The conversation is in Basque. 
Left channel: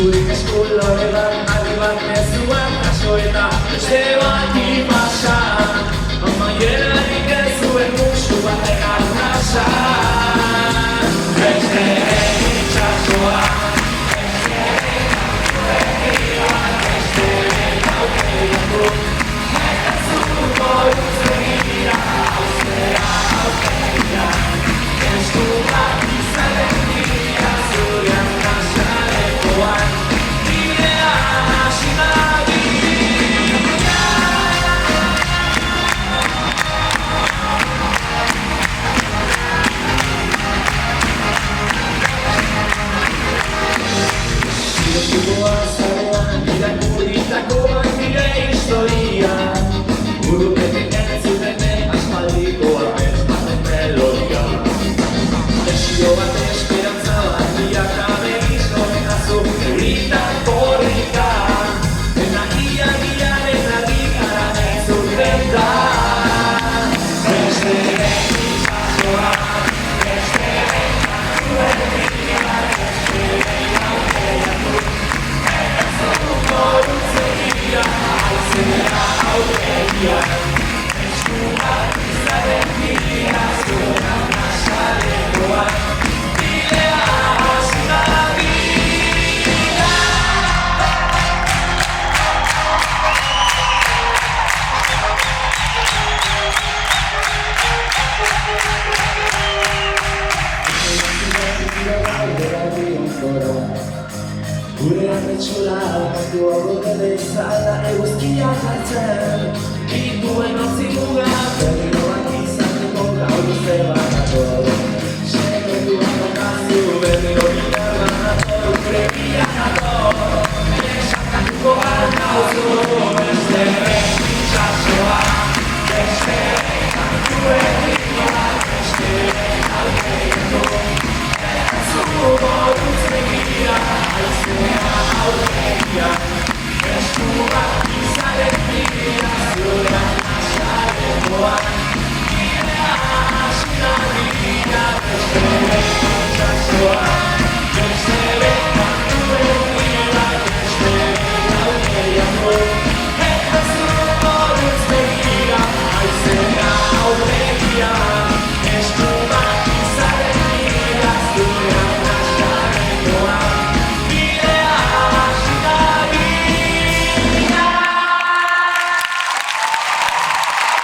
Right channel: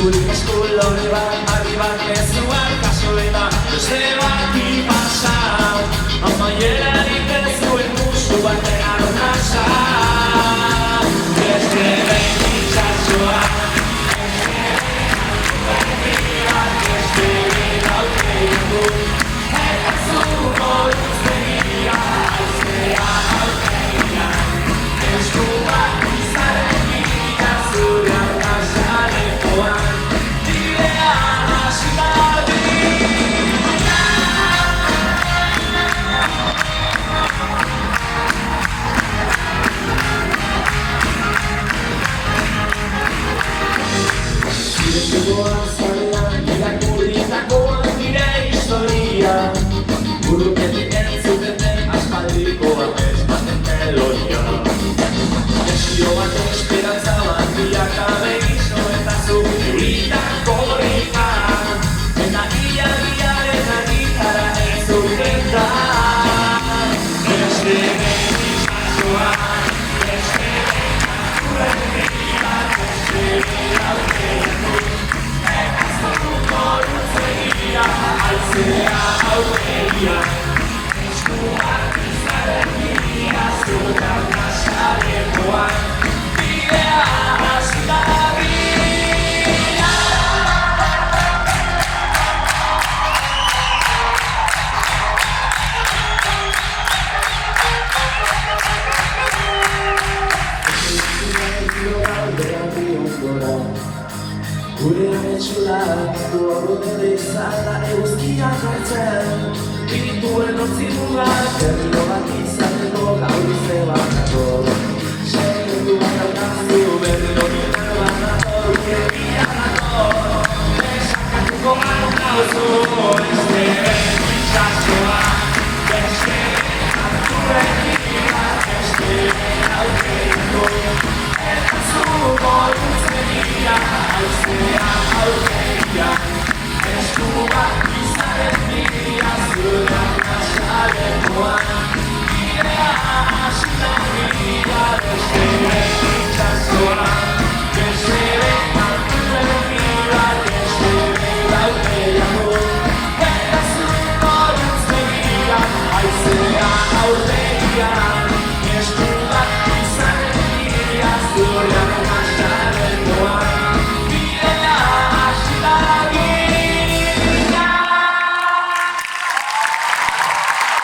Eskurik esku lore bat, aldi bat mezuak kaso eta beste bat ipasa. Amaienarik ez zuen musu baten arnasa. Beste behin itxasoa, beste behin bat, beste behin aukeiatu. Eta zuko luzegia, hauzea aukeia. Eskuak izaren bila zurean kasalekoan. Bidea hasi dabil. Zigoa zarean irakurritako nire historia. Burukete entzutene aspaldiko abesmaten melodia. Desio bat esperantza bat bilakabe gizo eta zuritako rika. Dina ilargiaren argitara entzuten da. Beste behin itxasoa, beste behin akuen bila, beste behin aukeiatu. Luzegia, haizea aukeia. Eskuak izaren bila zurean kasalekoan. Bidea hasi dabil. Gure ametsura, du aurre izala eguzkiak hartzen. Dituen ontzi mugak, berriro bat izateko gaur luze batako. Segunduan daukazu, berriro gitar banato, gure bianako. Besakatuko gara nauzu, beste behin itxasoa. Beste behin kantuen bila, beste behin aukeiako. Eta zuko luzegia, haizea aukeia. Eskuak izaren bila zurean kasalekoan. Bidea hasi dabil, beste behin